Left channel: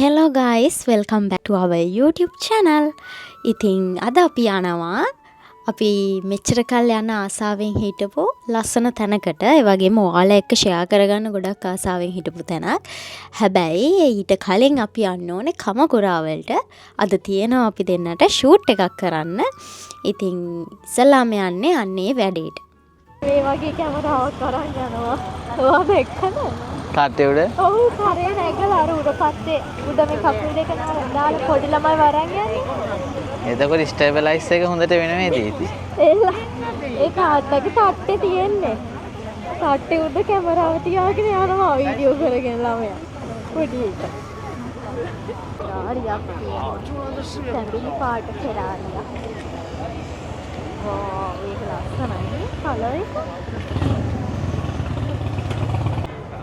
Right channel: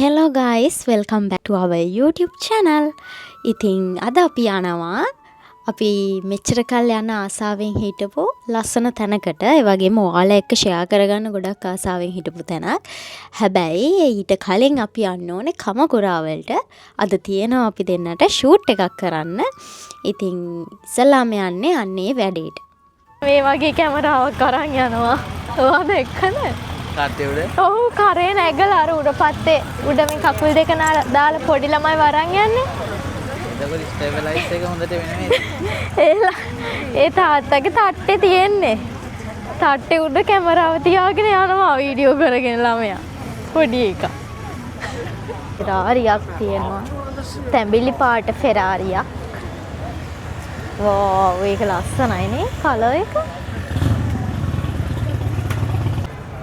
Hello guys, welcome back to our YouTube channel. ඉතින් අද අපි යනවා අපි මෙච්චර කල් යන ආසාවෙන් හිටපු ලස්සන තැනකට. ඒ වගේම ඔයාලා එක්ක ෂෙයා කරගන්න ගොඩක් ආසාවෙන් හිටපු තැනක්. හැබැයි ඊට කලින් අපි යන්න ඕනේ කමකුරාවලට. අද තියෙනවා අපි දෙන්නට ෂූට් එකක් කරන්න. ඉතින් ඉස්සලාම යන්නේ අන්නේ වැඩේට. මේ වගේ කැමරාවක් අරන් යනවා. ඔයාද එක්කද? තාත්තේ උඩ? ඔව් කරේ නැගලා අර උඩ පත්තේ උඩ මේ කකුල් දෙක දාලා පොඩි ළමයි වරන් යන්නේ. එතකොට ස්ටේබලයිස් එක හොඳට වෙන නේද? ඒ තාත්තගේ තට්ටේ තියෙන්නේ. තට්ටේ උඩ කැමරාව තියාගෙන යනවා වීඩියෝ කරගෙන ළමයා. පොඩි එකා. ෆෙරාරියක් තියෙනවා. තැඹිලි පාට ෆෙරාරියක්. වෝව් ඒක ලස්සනයි නේ කලර් එක.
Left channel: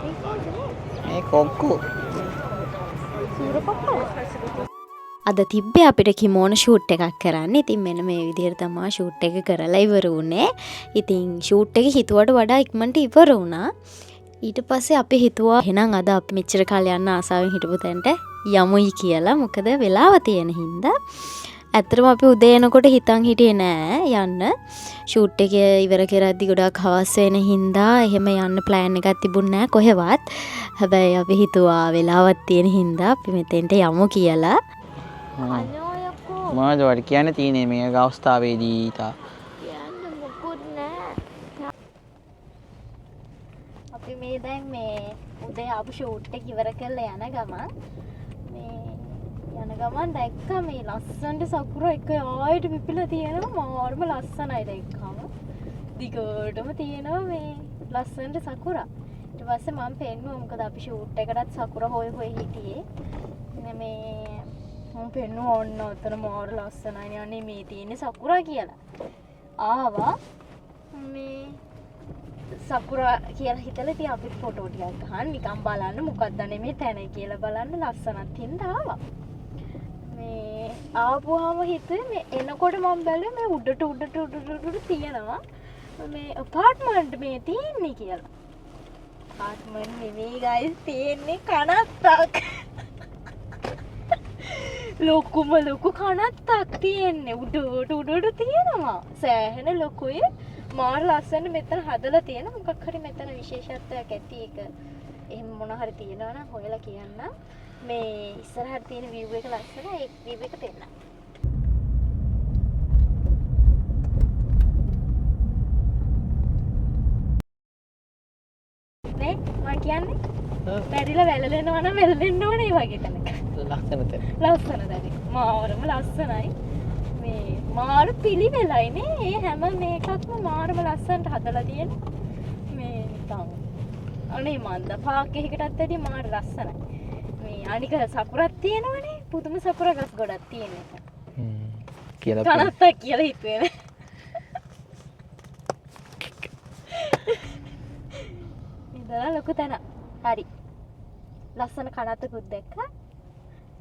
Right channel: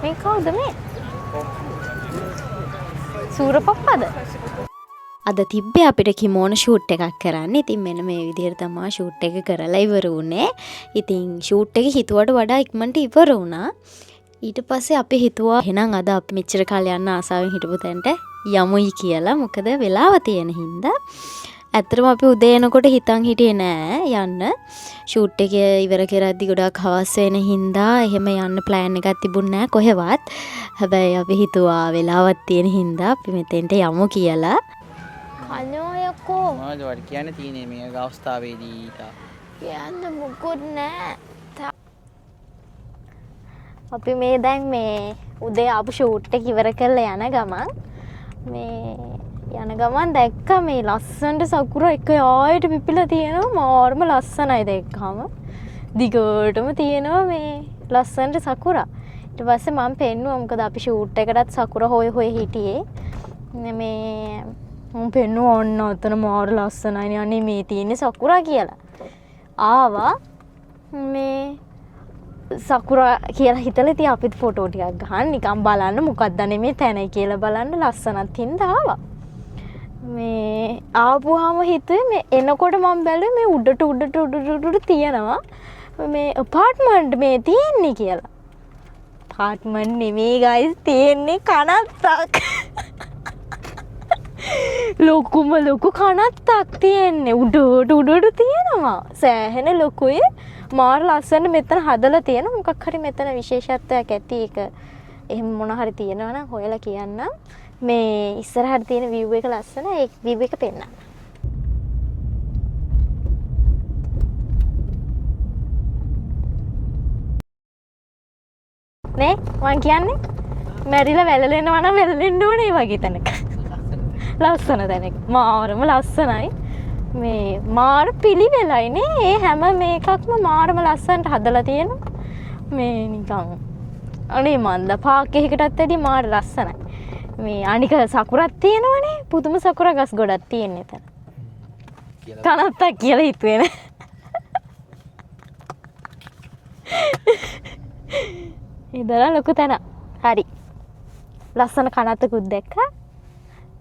මේ කවුද මේ? මේ කොක්කෝ. සූරපප්පද? අද තිබ්බේ අපිට කිමෝන ෂූට් එකක් කරන්න. ඉතින් මෙන්න මේ විදිහට තමයි ෂූට් එක කරලා ඉවර වුණේ. ඉතින් ෂූට් එක හිතුවට වඩා ඉක්මනට ඉවර වුණා. ඊට පස්සේ අපි හිතුවා එහෙනම් අද අපි මෙච්චර කාලේ යන්න ආසාවෙන් හිටපු තැනට යමුයි කියලා. මොකද වෙලාව තියෙන හින්දා. ඇත්තටම අපි උදේ එනකොට හිතන් හිටියේ නෑ යන්න. ෂූට් එක ඉවර කරද්දි ගොඩක් හවස් වෙන හින්දා එහෙම යන්න ප්ලෑන් එකක් තිබුණේ නෑ කොහෙවත්. හැබැයි අපි හිතුවා වෙලාවක් තියෙන හින්දා අපි මෙතෙන්ට යමු කියලා. අනෝයකෝ මොනවද වඩ කියන්න තියෙන්නේ මේ අවස්ථාවේදී තා? කියන්න මොකුත් නෑ. අපි මේ දැන් මේ උදේ ආපු ෂූට් එක ඉවර කරලා යන ගමන් මේ යන ගමන් දැක්ක මේ ලස්සනට සකුර එක ආයෙත් පිපිලා තියෙනවා. මාර්ම ලස්සනයි දැක්කම. දිගටම තියෙනවා මේ ලස්සනට සකුර. ඊට පස්සේ මම පෙන්නුවා මොකද අපි ෂූට් එකටත් සකුර හොය හොය හිටියේ. මේ මම පෙන්නුවා ඔන්න ඔතන මාර ලස්සනයි අනේ මේ තියෙන්නේ සකුර කියලා. ආවා මේ සකුර කියලා හිතලා ඉතින් අපිත් ෆොටෝ ටිකක් ගහන්න නිකන් බලන්න මොකක්ද මේ තැනයි කියලා බලන්න ලස්සනත් හින්දා ආවා. මේ ආපුවාම හිතුවේ මේ එනකොට මම බැලුවේ මේ උඩට තියෙනවා මේ අපාර්ට්මන්ට් මේ තියෙන්නේ කියලා. අපාර්ට්මන්ට් නෙමෙයි ගයිස් තියෙන්නේ කනත්තක්. ලොකු කනත්තක් තියෙන්නේ උඩට තියෙනවා. සෑහෙන ලොකුයි. මාර ලස්සනට මෙතන හදලා තියෙන මොකක් හරි මෙතන විශේෂත්වයක් ඇති එක. එහෙම මොන හරි තියෙනවා නම් හොයලා කියන්න. මේ ඉස්සරහට තියෙන view එක ලස්සන. ඒ view එක පෙන්නන්න. නේ මං කියන්නේ මැරිලා වැළලෙනවා නම් වැළලෙන්න ඕනේ වගේ තැනක. ලස්සන තැනක. මාරම ලස්සනයි. මේ මාර පිළිවෙලයි නේ. ඒ හැම මේකක්ම මාරම ලස්සනට හදලා තියෙනවා. මේ නිකන් අනේ මන්ද පාක් එකකටත් ඇදී මාර ලස්සනයි. මේ අනික සකුරක් තියෙනවනේ. පුදුම සකුර ගස් ගොඩක් තියෙන එතන. කියලා කනත්තක් කියලා හිතුවේ නේ. ඉදලා ලොකු තැන. හරි. ලස්සන කනත්තකුත් දැක්කා.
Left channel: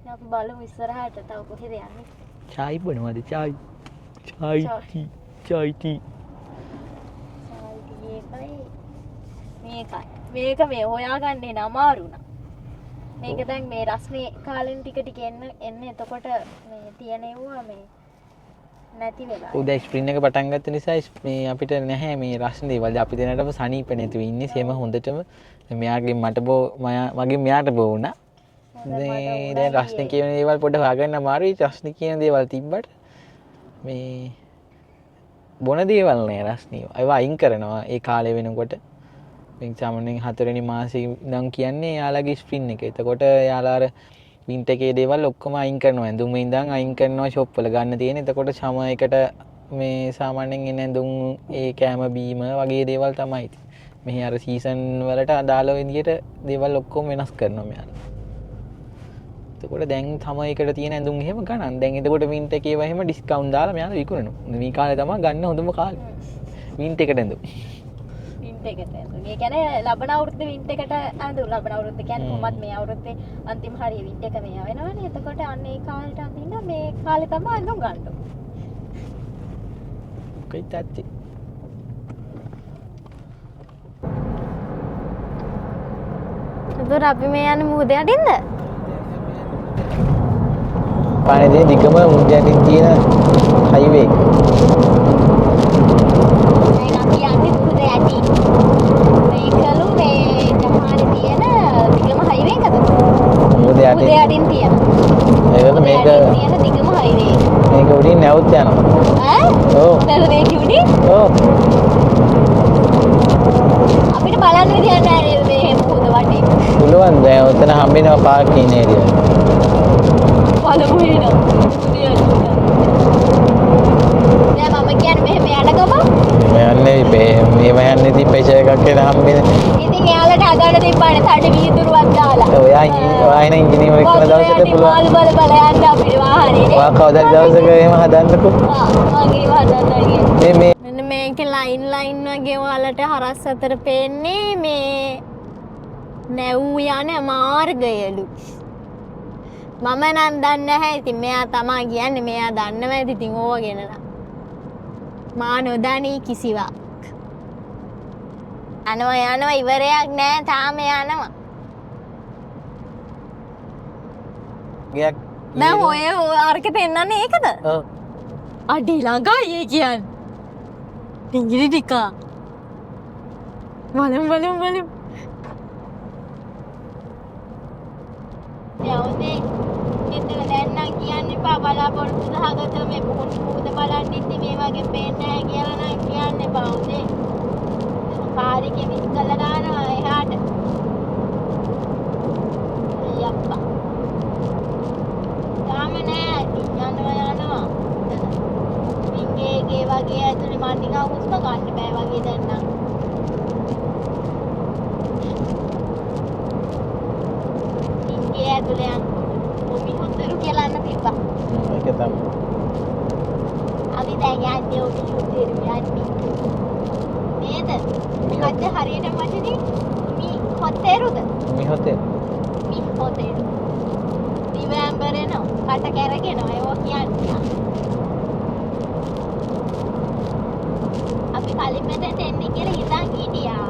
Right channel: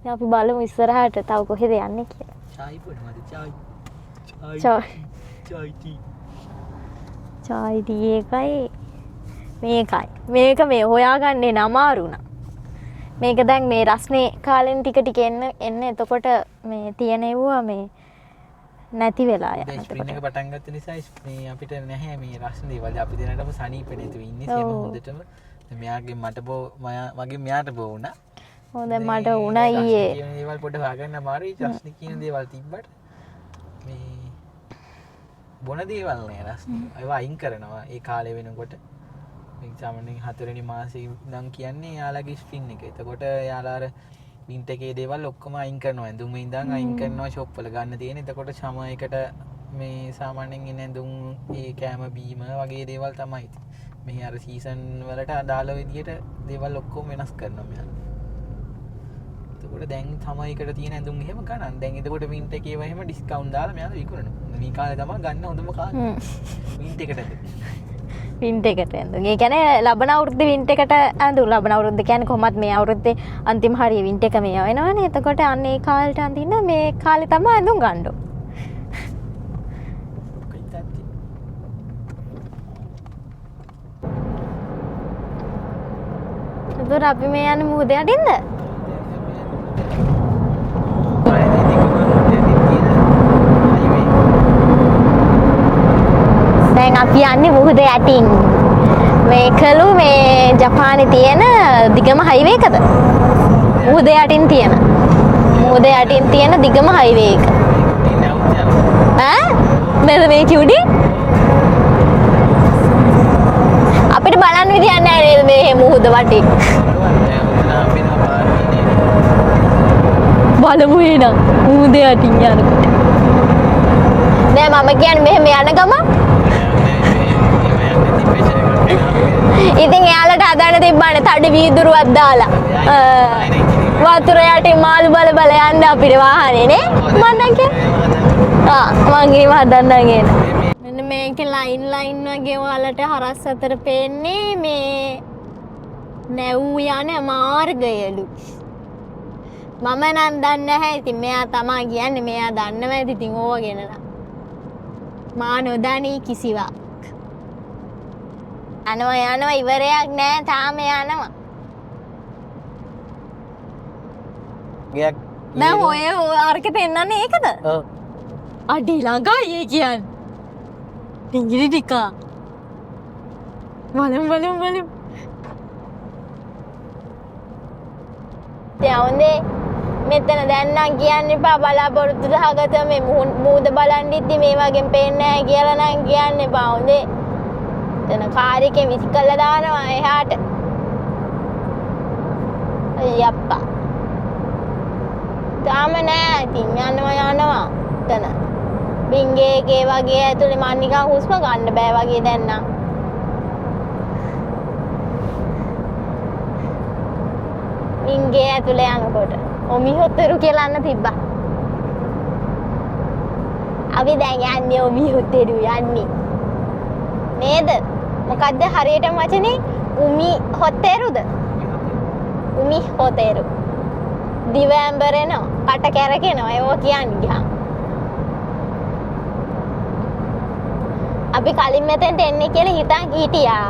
දැන් අපි බලමු ඉස්සරහට තව කොහෙද යන්නේ කියලා. චායි බොනවද? චායි ටී. චායි ටී එකයි මේකයි. මේක මේ හොයාගන්නේ නමාරුණා. මේක දැන් මේ රස්නේ කාලෙන් ටික එන්න එතකොට මේ තියෙනවා මේ නැති වෙලා යනවා. උදේ ස්ප්‍රින් එක පටන් ගත්ත නිසා මේ අපිට නැහැ මේ රස්නේ දේවල්. අපි දෙනාටම සනීප නැතුව ඉන්නේ. සේම හොඳටම මෙයාගේ මගේ මෙයාට බෝ වුණා. හොඳ මට වුණා ඊයේ. රස්නේ කියන දේවල් පොඩ්ඩක් හොයාගන්න අමාරුයි. රස්නේ කියන දේවල් තිබ්බට මේ බොන දේවල් නෑ රස්නේ. ඒවා අයින් කරනවා ඒ කාලේ වෙනකොට. මේ සාමාන්‍යයෙන් 4 වෙනි මාසේ ඉඳන් කියන්නේ යාළගේ ස්ප්‍රින් එක. එතකොට යාළා අර වින්ටර් එකේ දේවල් ඔක්කොම අයින් කරනවා. ඇඳුම් ඉඳන් අයින් කරනවා ෂොප් වල ගන්න තියෙන. එතකොට සමයකට මේ සාමාන්‍යයෙන් එන ඇඳුම් ඒ කැම බීම වගේ දේවල් තමයි. මෙහි අර සීසන් වලට අදාළ විදියට දේවල් ඔක්කොම වෙනස් කරනවා මෙයා. එතකොට දැන් සමයකට තියෙන ඇඳුම් එහෙම ගණන්. දැන් එතකොට වින්ටර් එකේ ඒවා එහෙම ඩිස්කවුන්ට් දාලා මෙයාලා විකුණනවා. මේ කාලේ තමයි ගන්න හොඳම කාලේ. වින්ටර් එකට ඇඳුම්. වින්ටර් එකට ඇඳුම්. ඒ කියන්නේ ලබන අවුරුද්දේ වින්ටර් එකට ඇඳුම්. ලබන අවුරුද්ද කියන්නේ කොහොමත් මේ අවුරුද්දේ අන්තිම හරිය වින්ටර් එක මේ වෙනවනේ. එතකොට අන්න ඒ කාලේට අඳින්න මේ කාලේ තමයි ඇඳුම් ගන්න ඕන. කයිතාච්චි. එතකොට අපි මේ යන්නේ මුහුද යටින්ද? ජපානයේ දිගම මුහුද යටින් තියෙන හයිවේ. දැන් අපි යන්නේ මුහුද යටින්. මේ කළු මේ ජපානයේ තියෙන දිගම හයිවේ එකද? මුහුද යටින් තියෙන. මුහුද යටින් තියෙන දිගම හයිවේ එක. මේක උඩින් නැවුත් යනවා. ඈ? මෙර මේක උඩින්? ඔව්. අපිට බලන්න විදියක් නැහැ නේද මේ මුහුද වටේ. පුළුවන් දැන් උතන හම්බෙනවා පාර්කින් ඒරියා. බලමු එන මුහුද යටින් යන. දැන් මම කියන්නේ මෙහෙම යන ගම යන්නේ මේ යන්නේ තිප්පේචේ කොට හම්බෙන්නේ. ඉතින් එයාලට හදන්න තිබ්බනේ තඩි වීදුරුවක් දාලා. ආයෙ ඉංජිනේර වතුර යටින් මාළු බල බල යන්න අපිට වාහනේ නේ. මං ඒව හදන්න මෙන්න මේක ලයින් වගේ ඔයාලට හරස් අතර පේන්නේ මේ නැව් යන මාර්ගයලු. මම නම් දන්නේ නැහැ. ඉතින් මෙයා තමයි කියන්නේ. මෙයා දන්නව ඇති ඉතින් ඕව ගැන නම්. මා නොදනී කිසිවක්. යනවා ඉවරයක් නැහැ. තාම යනවා. ගයක් දැන් ඔය අරක පෙන්නන්නේ ඒකද? ඔව්. අඩි ළඟයි ඒ කියන්නේ. ඉංග්‍රීසි ටික. බලමු. දැන් මෙතන දැන් නම් කියන්න එපා බලාපොරොත්තු සහගත මේ මුහුද බලන් ඉද්දි මේ වගේ පේන්නේ නැහැ කියලා නම් කියන්න එපා හොඳේ. එතන කාර් එකේ විසි කළා දානවා එහාට. අයියප්පා. තාම නෑ ඉතින් යනවා. එතන. බින්ගේගේ වගේ ඇතුලේ මන් නිකන් හුස්ම ගන්න බෑ වගේ දැන් නම්. බින්ගේ ඇතුලේ යනකොට ඔමිහොතරු කියලා අන්න තිබ්බා. ඒක තමයි. අපි දැන් යන්නේ ඔමිහොතරු යන්නේ. නේද? මොකද්ද හරියටම වචනේ? උමිහොතරුද? උමිහොතරු. දිව ඇඹරෙනවා, කට කැරකෙනවා ඒවා කියන්නේ. අපි කලින් මෙතෙන්ට එන්නේ කියලා හිතන් හිටියා.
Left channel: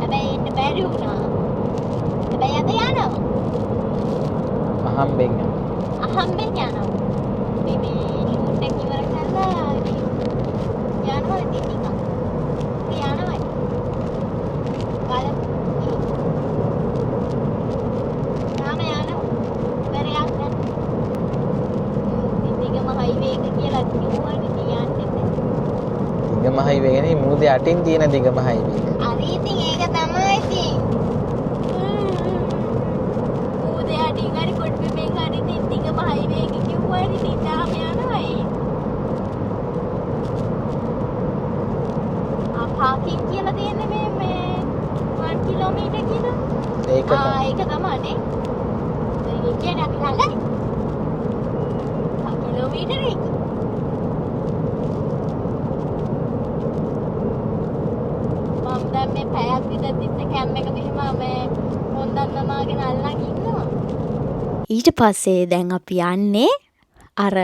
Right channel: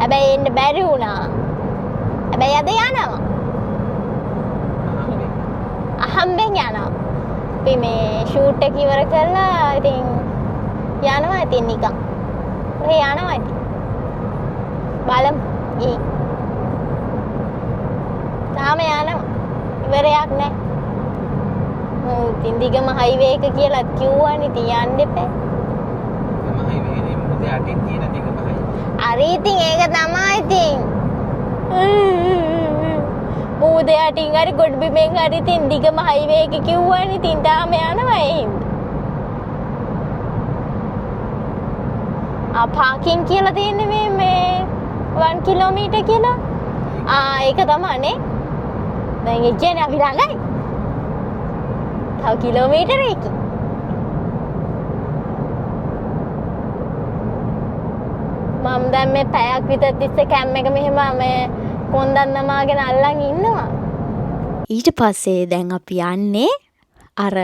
හැබැයි එන්න බැරි වුණා. හැබැයි අද යනවා. අහම්බෙන් යනවා. අපි මේ ෂූට් එක ඉවර කරලා ඉතින් යනවා ඉතින් නිකන්. ඔහේ යනවා ඉතින්. බලමු. තාම යනවා. ඉවරයක් නැහැ. ඉතින් දිගම හයිවේ එක කියලා කිව්වනේ ඉතින් යන්න එපා. දිගම හයිවේ නේ මුහුද යටින් තියෙන දිගම හයිවේ. හරි ඉතින් ඒක තමයි ඉතින්. මුහුද යටින් හරි ගොඩබිමෙන් හරි ඉතින් දිගම හයිවේ එක කිව්වනේ ඉතින් තාම යනවා එහෙම. පාකින් කියලා තියෙන්නේ මේ 1 කිලෝමීටර් කියලා. ඒක තමයි නේ. දැන් ඒ කියන්නේ අපි ළඟයි. තව කිලෝමීටර එක. මම දැන් මේ පැයක් විතර තිස්සේ කැම් එක මෙහෙම මේ පොන්දන් නමාගෙන අල්ලන් ඉන්නවා. ඊට පස්සේ දැන් අපි යන්නේ අර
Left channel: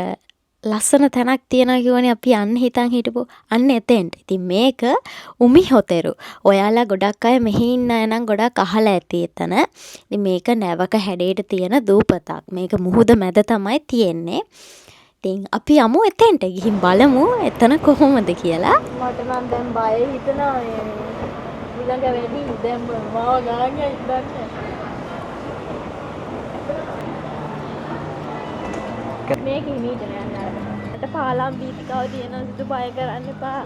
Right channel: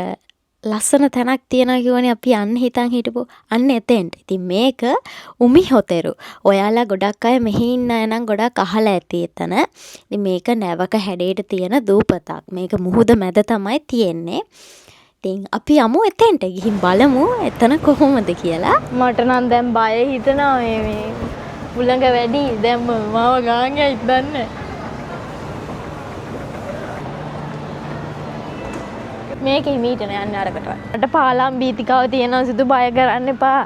ලස්සන තැනක් තියෙනවා කියවනේ අපි යන්න හිතන් හිටපු අන්න එතෙන්ට. ඉතින් මේක උමිහොතරු. ඔයාලා ගොඩක් අය මෙහි ඉන්න අය නම් ගොඩක් අහලා ඇති එතන. ඉතින් මේක නැවක හැඩයට තියෙන දූපතක්. මේක මුහුද මැද තමයි තියෙන්නේ. ඉතින් අපි යමු එතෙන්ට ගිහින් බලමු එතන කොහොමද කියලා. මට නම් දැන් බය හිතෙනවා මේ උලඟ වැඩි. දැන් මාව ගාංගයක් දන්නේ. මේක හිමීට යන්න අරකට. අට පාලම් බීතිකාව තියෙනවා සිදු බය කරන්න එපා.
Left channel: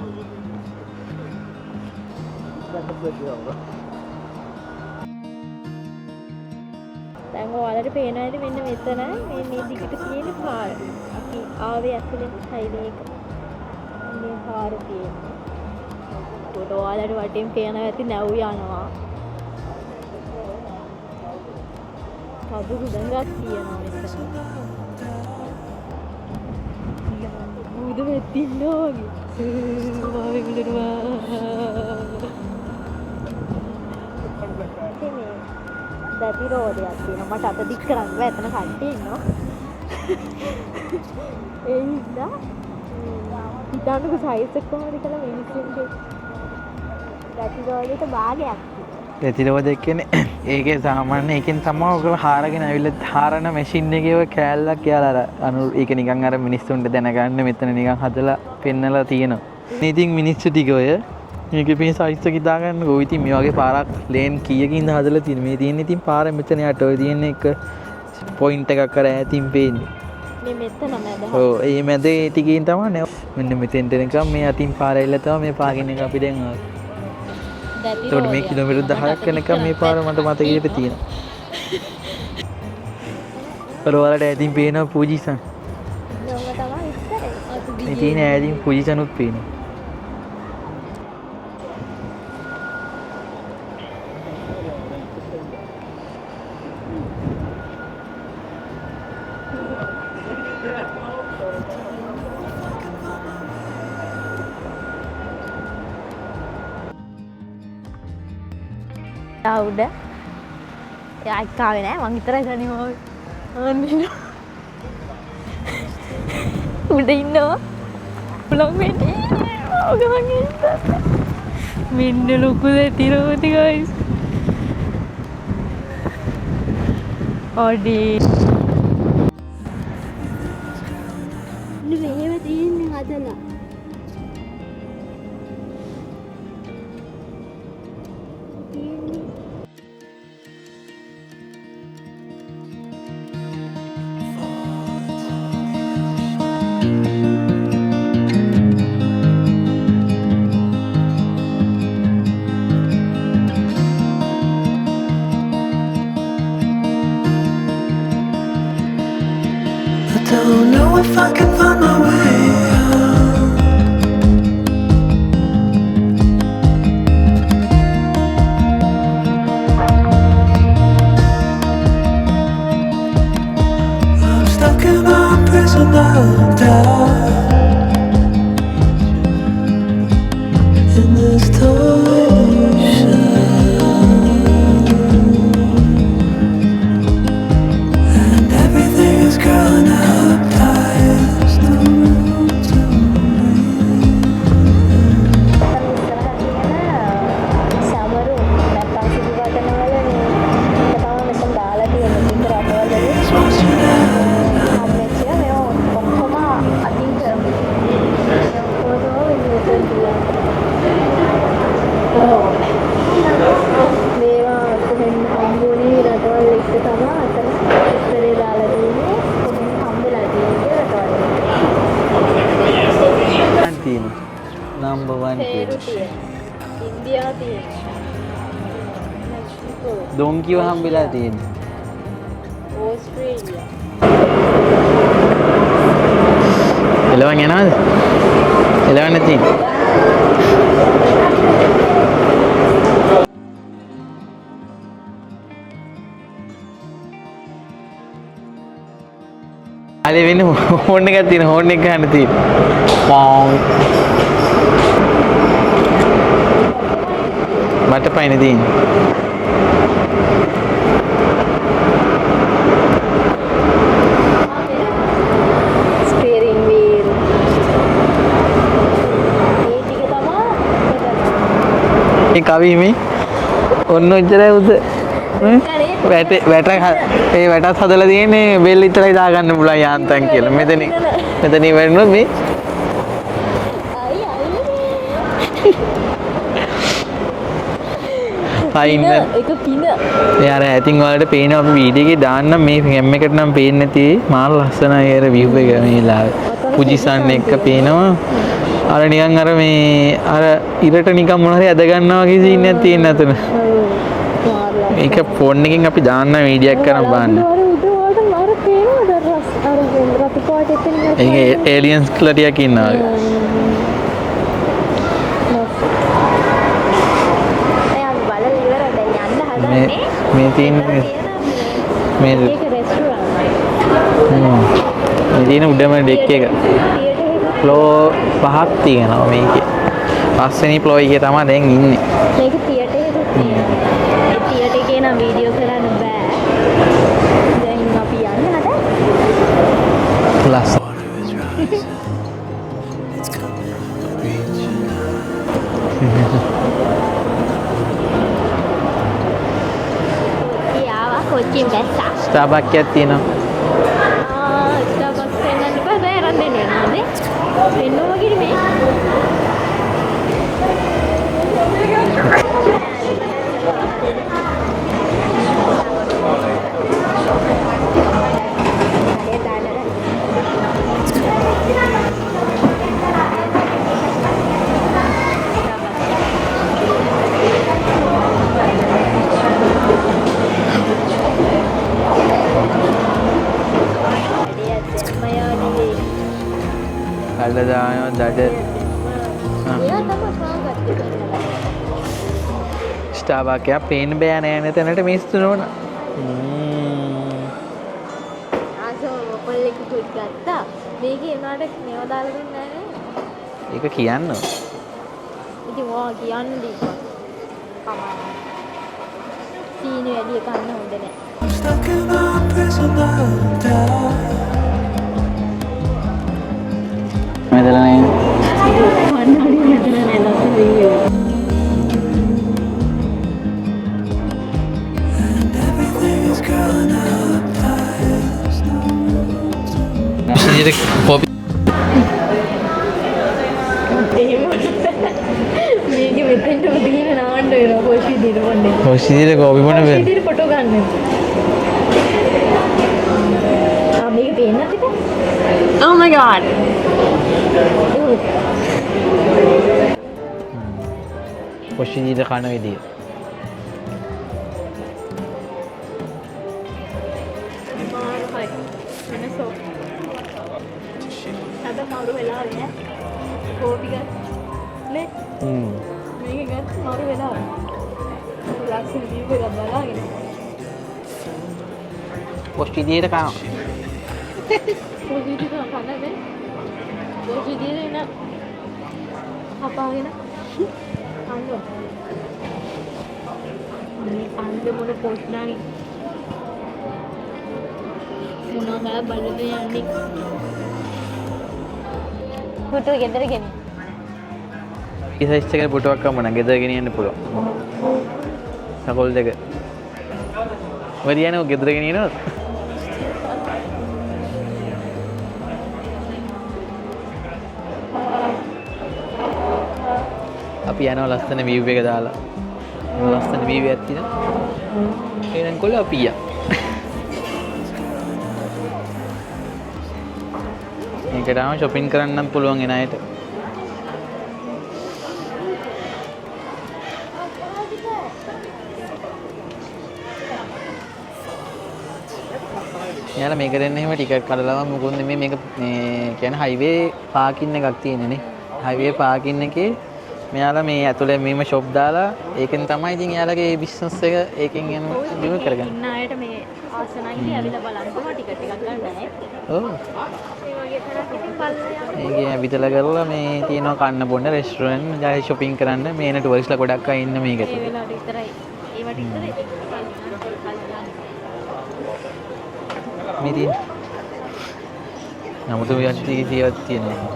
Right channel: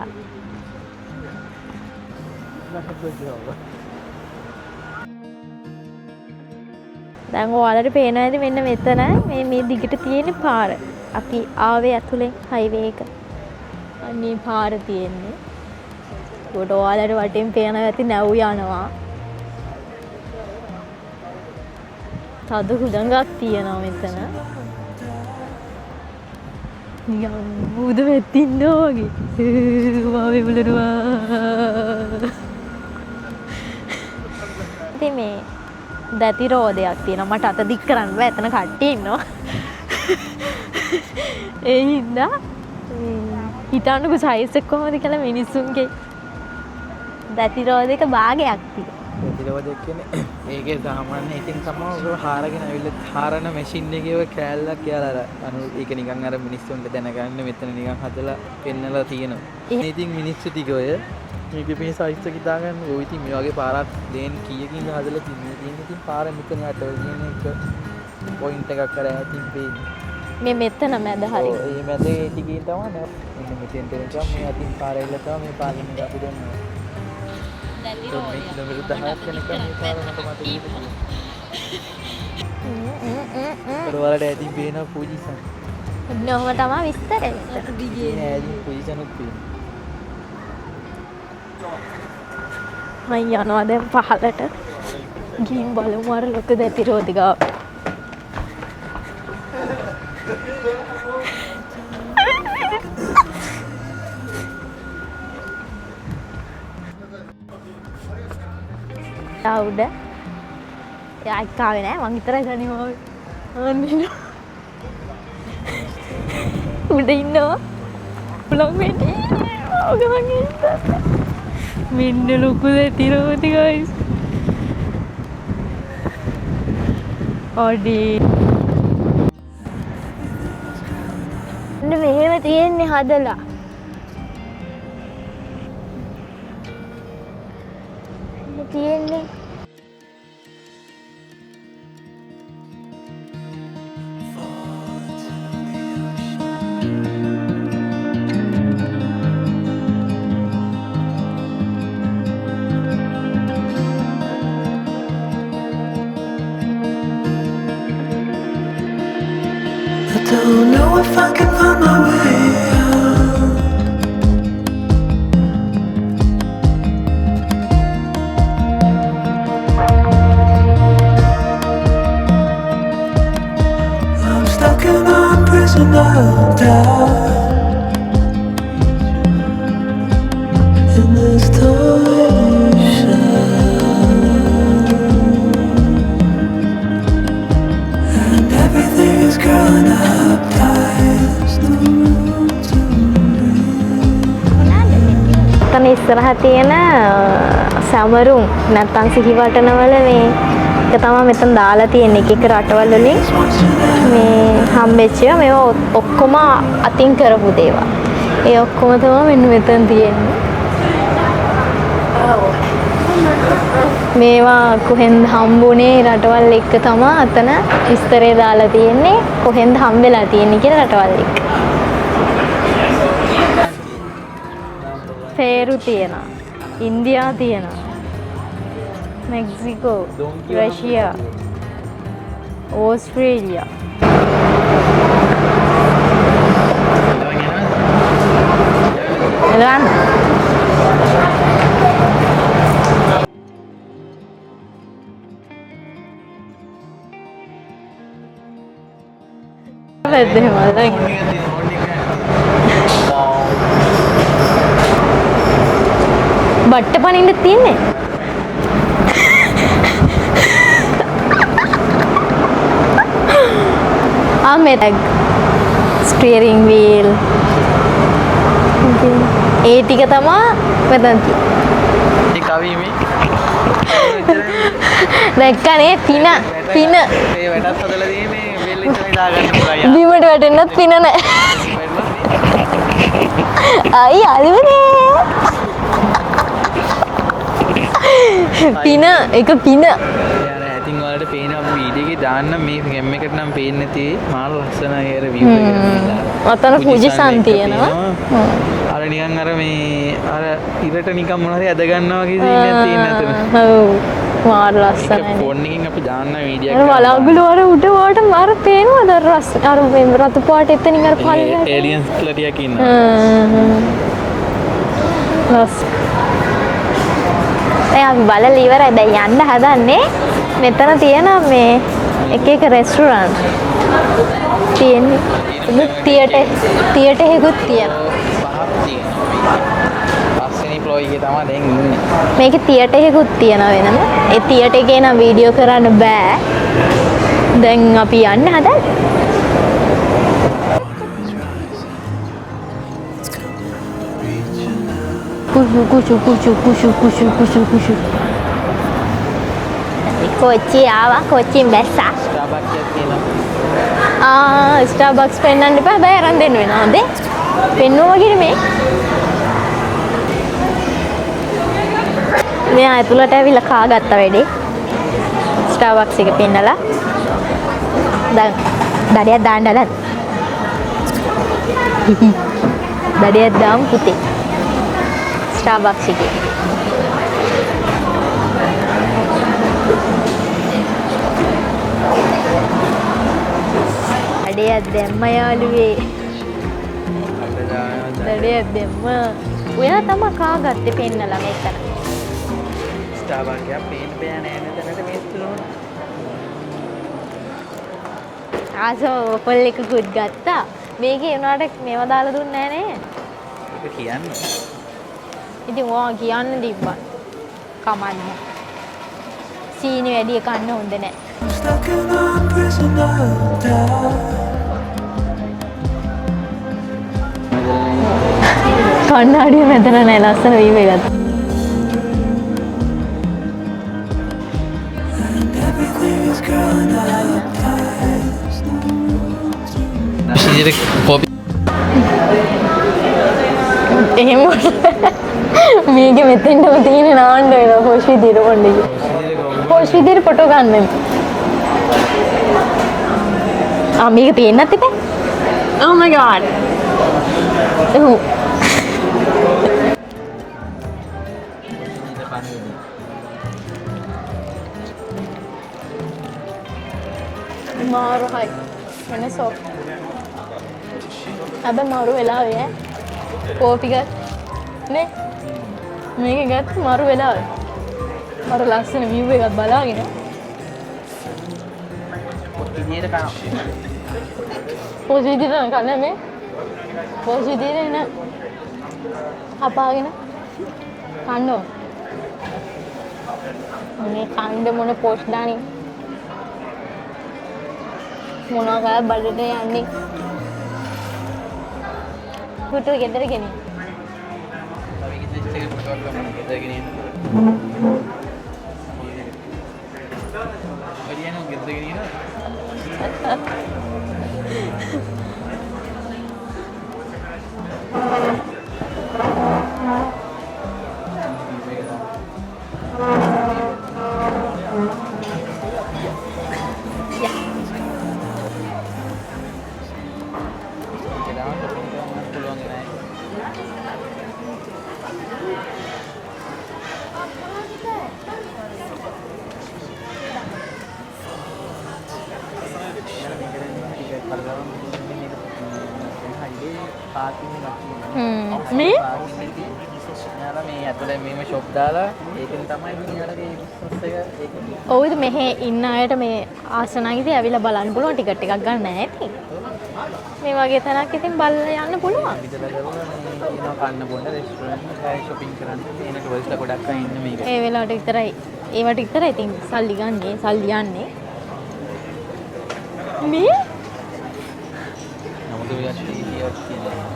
දැන් ඔයාලට පේනවා ඇති මෙන්න මෙතන මේ දිගට තියෙන පාර. අපි ආවේ ඇතුලෙන් හයිවේ එක. අන්නේ පාර තියෙන්නේ. ඒකට ඔයාලට වටෙන් පේනවා ඇති නැව් යනවා. තද හුදඟක් තියෙනවා මෙතන. බුදු වෙත්තින්න වගේ වෙබලනවා. ඉතින් මේ දැති රෝදයක් තියෙනවා. මට අත දික් කරන්න බෑ. එතන කට්ටිය ඉන්නවා. ඒ හින්දා හිතන්නකෝ සයිස් එක කොහොමද කියලා මිනිස්සුන්ගේ දැති රෝදයක භාගයක් තියෙනවා. ප්‍රතිරෝධයක් කියන්නේ ඒකේ සාමාන්‍ය එකෙන් තමයි ඔයගොල්ලෝ හාරගෙන ඇවිල්ලා හාරන මැෂින් එකේ ඔය කෑල්ලක් කියලා අර ඒක නිකන් අර මිනිස්සුන්ට දැනගන්න මෙතන නිකන් හදලා පෙන්නලා තියෙනවා. ඉතින් මිනිස්සු ටික ඔය මේකේ මේ සයිස් එක හිතා ගන්න ඕ ඉතින් මේ වගේ පාරක් ලේන් කීයකින්ද හදලා තියෙන මේ තියෙන ඉතින් පාර මෙතන යට ඔය තියෙන එක පොයින්ට් එකක් කර ඈතින් පේන්නේ. මේ මෙතන මැද හරි. ඔව් ඒ මැද ටිකෙන් තමයි මෙන්න මෙතෙන්ට එනකම් මේ අතින් පාර එල්ල තමයි මේ පාගින් එක අපි දැන් ආවේ. ඒකට මේ කිලෝමීටර් 10ක් යනකම් මේ පාර මට මතකයට තියෙනවා. පරවලට ඇදින් පේනවා පූජිසන්. නෝම තමයි විස්තරේ. ඔත මේ තියෙන ඇදින් පූජිසනුත් පේනවා. මම යනවා දැන් පහලට. ගිහින් බලමු අර ලොකු ප්‍රතිරෝධිකාව. උඩ එයා එක්කාවේ නෑ මං විතරයි දන්නේ ආන්නේ උඩ ඉන්නවා පුළොන් වෙන්නේ මෙන්න ලොකු ප්‍රතිරෝධි ගයිස් ඔඩි මෙහෙම තියෙන්නේ හදලා තියෙන්නේ Don't know if I can find my way out. I'm stuck in a prison of doubt. In this torsion, and everything is growing up tight. There's no room to breathe. තම ඉස්සරහ තියෙන සමරුම් නැත්තම් සිහිවටනවල මේ එක තමයි මෙතන දාලා තියෙන එක එක රටවල වලින් මේ හම්බෙච්ච මේවා ඔක්කොම අතින් කරපු දේවල්. ඒ ඔක්කොම තමයි මෙන්න මෙතන තියෙන්නේ. මේවා කොහෙන්ද හම්බුනේ රටවල් එක්ක තමයි අතන විස්තරය දාලා තියෙන්නේ කොහෙන්ද හම්බෙලා තියෙන්නේ කියලා රටවල් එක්ක. පෙරු තියෙනවා. ඉන්දියා තියෙනවා. මෙක්සිකෝ. ඩොන්කිව හම්බෙලා තියෙන්නේ. ඕස්ට්‍රේලියා. එළවන් යනවද? එළවන් නැති. එළවන්. අර වෙන ෆෝන් එකක් තියෙන ෆෝන් එක ගන්න තියෙන. පොම්. බට්ට පනින්න තියෙන්නේ. මට පයින් තියෙන්නේ. මේ ස්ටියරින් වීල් ඒ ටික තමයි මෙතන මේ කවි මේ ඔන්න ඔච්චරයි උද දැක්කනේ පින ඒ වැටත් හදලා තියෙන්නේ බෙල් විතරයි දාගන්න පුළුවන් යාන්තම් බිමට වැටෙන්නත් පින නැහැ එතනින් වැටුණොත් මේ අයි අලුනේ පින එක පින යාර ඇතින් වලට පේනවා අපි වීඩියෝ එකේ දාන්න මේ කැම් එකට නම් පේන්නේ නැති මාල් ලස්සනයි අර view එක ගන්නලා අතන පුජිසන් පේනවා අර නිකන් අර මේ අර ඉරට නිකන් මොන හරි ඇද ගන්නවා වගේ සීන් එකක් තියෙන අතන ඔව් මාල් ලස්සනයි ඒක ෆෝන් එකකින් අපි දාන්න වීඩියෝ එකක් කරලා බලන්න වල උඩ වට මාර පේනවද රස් අර වෙන රතු පාට එතනින් අර පාට ඒලියන්ස් කියලා ටිකක් ඉන්නවා ලස් අපි බලලා ඉවරයි දැන් යන්න හදන්නේ මෙතන තියෙන මේ එක එක රෙස්ටුරන්ට් තියෙන උඩම තියටර් එකකුත් ෆ්ලෝ පහක් තියෙනවා මේකේ පස්වෙනි ෆ්ලෝ එකේ තමයි දැන් ඉන්නේ මේකේ තියටර් එකකුත් තියෙනවා වෙන ඒ තියටර් එකේ නම් වීඩියෝ කරන්න බෑ දැන් අපි යන්න හදන්නේ කුෂු කුෂු කුෂු කුෂු කුෂු කුෂු කුෂු කොච්චි ආවා කොච්චින් බැස්සා. ස්ටාර්බක්ස් එකක් තියෙනවා. ස්ටාර්බක්ස් පෙන්නන්න එපා. බෑ අරන් දෙන්න වෙනවද? පෙන්නුවා වගේ මේ. මෙයා ඇතුළට ඇවිල්ලා කාගත්ත වැඩේ. ස්ටාර්බක්ස් එක පෙන්නලා. දැන් දඩියක් දාන්නද? දඩියක් දාමු පුතේ. ස්ටාර්බක්ස් එක. දඩියක් දැම්ම යාළුවේ. දඩ දානවා දඩ. දඩියක් දැම්ම. ඔයා තමයි කාගත්තේ පෙන්නලා මේකට. ස්ටාර්බක්ස් එකක් පේන්න බෑ නෑ තැනට මිස්තු නෝන. ආසෝ පොල් එකකුත් ගත්තා. මේකේ උනාට මේව දාලා දුන්නේ නෑ නේ. ඒක කියන්න. ඉතින් ඔයා කියන්න දීපන්. කමන්න. සීනි වැඩි කන්න හොඳ නෑ. I'm stuck in a prison of doubt. කණ්ණාඩිය මෙතන නෑ ලස්සන වීව එකක්. And everything is growing up tight. ඉතින් කොපි එහෙම මේක මෙතෙන්ටම තියෙන නාන්න වෙනවා කොෂි දිර මොන්නේ. කොසිදිර කොපි කොෂි දිර ෆොටෝ ගන්න. මේක පේන්නත් එපා. Oh my god. කොසිදිර කන විදිය. මාරු හයි. වෙනසක්. හැබැයි මාරු වෙලාවේ ඈ. කෝපි ගත් නේ මේක ගත්ත මාරු වෙලාවේ. මාරු ලස්සන view එකක් බලාගෙන. කොසිදිර කන. කොසිදිර කන මේ. කොසිදිර නේ. අපාගෙන. කන්නෝ. මේ කන්ද මොන පෝස්ට් දාන්නේ. මොනවා කරා බඩට යන්නේ. පුතු ගෙදර ගෙනියන්න. මේ සයිස් එකේ පුටුවක් කමන ගෙදර ගෙනියන්න පුළුවන්. සකෝල් දෙක. වරියනෝ ගෙදර ගෙනියනවද? අපි යනවා ලස්සන view එක දාලා. ලස්සන view එකක් තියෙනවා. එහෙනම් කොල්ල අපි යනවා. මේකටම shopping කරන්නම් පුළුවන් එන අයට. යාලා මේක දෙන්න එහෙම ටිකට් කරලා මොකද මේ මේක මේ කියන්නේ හයිවේ පාකින් එකක් තියෙනනේ. හයිවේ පාකින් එකේ මෙයාලා මේ ඇතුලේ මේම ෂොප් දාලා ඒකෙන් තමයි ඉතින් එයාලගේ බිස්නස් එක ඒකෙන් එන්නේ. ඔව් ඒක මෙහෙ ඉන්න අයට මේ ආසනයිදී ඇවිල්ලා බලන්න පුළුවන් ටිකට් එකක් ගන්න නැහැ නේ. ඔව්. මේ වගේ තැනක් ඉතින් බලලා යන්න පුළුවන්. මේ විදලා කරලා මේ තියෙනවා කන්න බොන්න රෙස්ටුරන්ට් ජායි shopping කරන්න මේන ටුවරිස්ට්ලා ගොඩක් අය ඉන්න මේක. ඒ වෙලාවට විතරයි. ඒවට විතරයි ඉතින් සල්ලි ගන්නේ, සල්ලි යන්නේ. මේ නමුත් ඔය ඇක්චුලි තියෙනවා.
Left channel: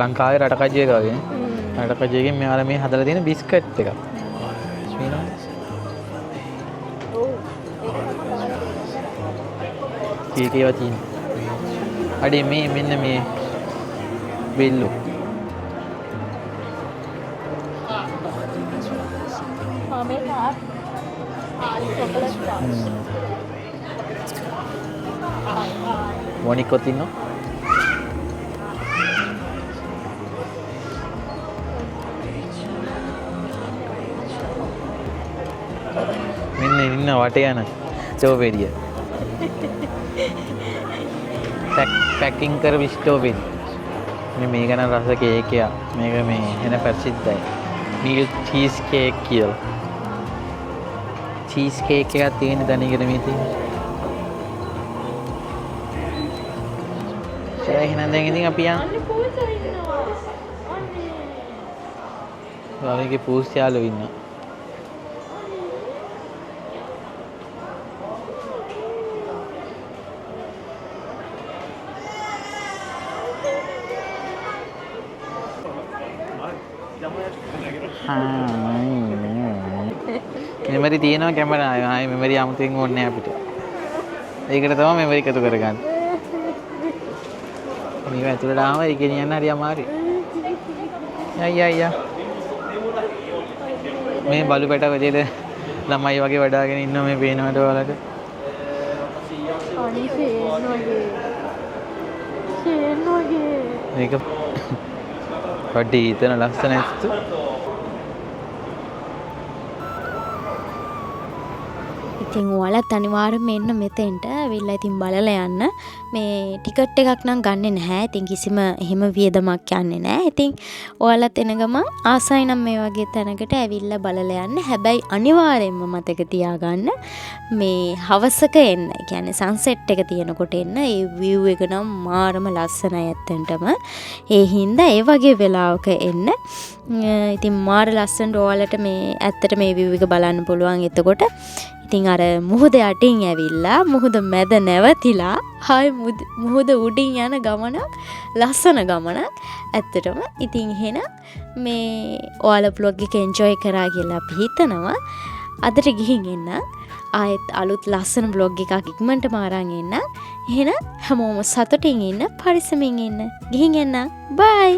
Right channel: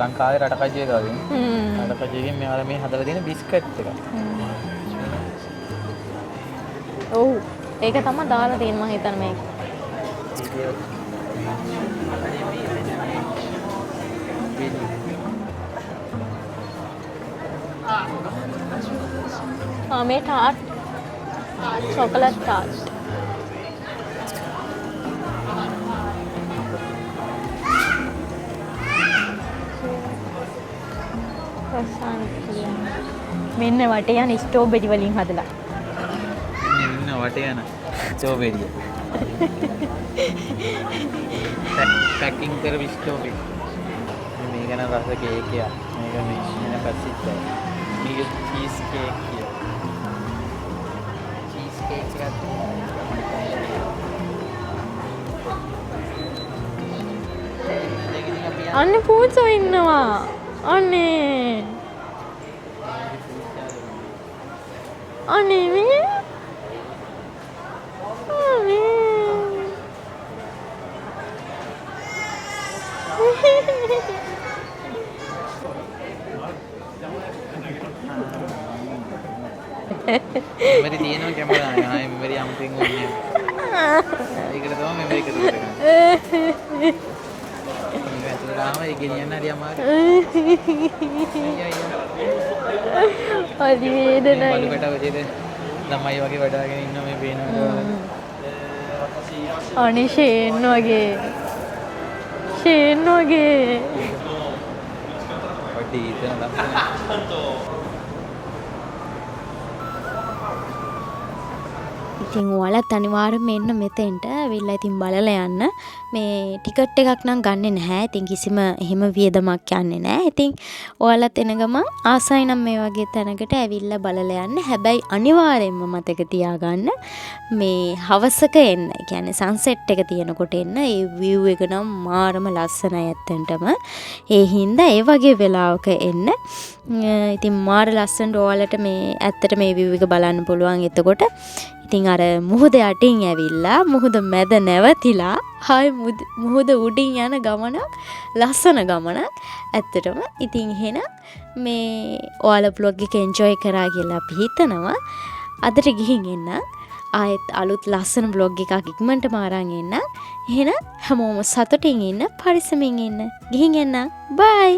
ලංකාවේ රටකජිය ගාගෙන. රටකජියකින් මෙයාලා මේ හදලා තියෙන බිස්කට් එක. ඔව්. ඒක තමයි දාලා තියෙනවා මම හිතන්නේ මේක. ඒකේවා තියෙනවා. අඩේ මේ මෙන්න මේ වෙල්ලු. මේ ටාට්. චොකලට් ටාට්. මොනිකෝ තියෙනවා. මෙන්න වටේ යන ස්ට්‍රෝබෙරි වලින් හදලා. මෙන්න ඉන්න වටේ යන ස්ට්‍රෝබෙරිය. පැකින් කරපු ස්ට්‍රෝබෙරි. මේක නම් රස කේක් එක. මේක මේ එන ප්‍රසිද්ධයි. මේක චීස් කේක් කියලා. චීස් කේක් එකක් තියෙන දැනගෙන මේ තියෙනවා. එහෙනම් දැන් ඉතින් අපි යන්න. අන්න පූජෝ ඉන්නවා. අනේ. ඔයාගේ පූස් යාළුවෝ ඉන්නවා. අනේ මේ. මෙමරි තියෙනවා කැමරාවේ. ආයේ මෙමරි අමුතෙන් ඕනේ අපිට. ඒකට තමයි මෙමරි එකතු කරගන්නේ. මේක ඇතුළට ආවම ඒක ගෙනියන්න හරි අමාරුයි. අයියා. හරි මේ වේදනයි. බලු පැට වලේද ළමයි වගේ වඩාගෙන ඉන්නවා මේ පේනවට ඔයාලට. අනේ ෂේන් වගේ. ෂේන් වගේ. මේක පොඩි හිතන ලස්සන ඇත්ත. ඉතින් ඔයාලත් අනිවාර්යෙන්ම එන්න මෙතෙන්ට ඇවිල්ලා ඉතින් බලලා යන්න. මේ ටිකට් එකක් නම් ගන්නෙ නැහැ. ඉතින් කිසිම එහෙම වියදමක් යන්නේ නැහැ. ඉතින් ඔයාලත් එන ගමන් ආසයි නම් මේ වගේ තැනකට ඇවිල්ලා බලලා යන්න. හැබැයි අනිවාර්යෙන්ම මතක තියාගන්න මේ හවසක එන්න. ඒ කියන්නේ සන්සෙට් එක තියෙනකොට එන්න. ඒ view එක නම් මාරම ලස්සනයි ඇත්තටම. ඒ හින්දා ඒ වගේ වෙලාවක එන්න. ඉතින් මාර ලස්සනට ඔයාලට මේ ඇත්තට මේ view එක බලන්න පුළුවන්. එතකොට ඉතින් අර මුහුද යටින් ඇවිල්ලා මුහුද මැද නැවතිලා හායි මුහුද උඩින් යන ගමනක් ලස්සන ගමනක් ඇත්තටම. ඉතින් එහෙනම් මේ ඔයාලා vlog එක enjoy කරා කියලා අපි හිතනවා. අදට ගිහින් එන්න. ආයෙත් අලුත් ලස්සන vlog එකක් ඉක්මනටම අරන් එන්න. එහෙනම් හැමෝම සතුටින් ඉන්න, පරිස්සමින් ඉන්න. ගිහින් එන්න. bye.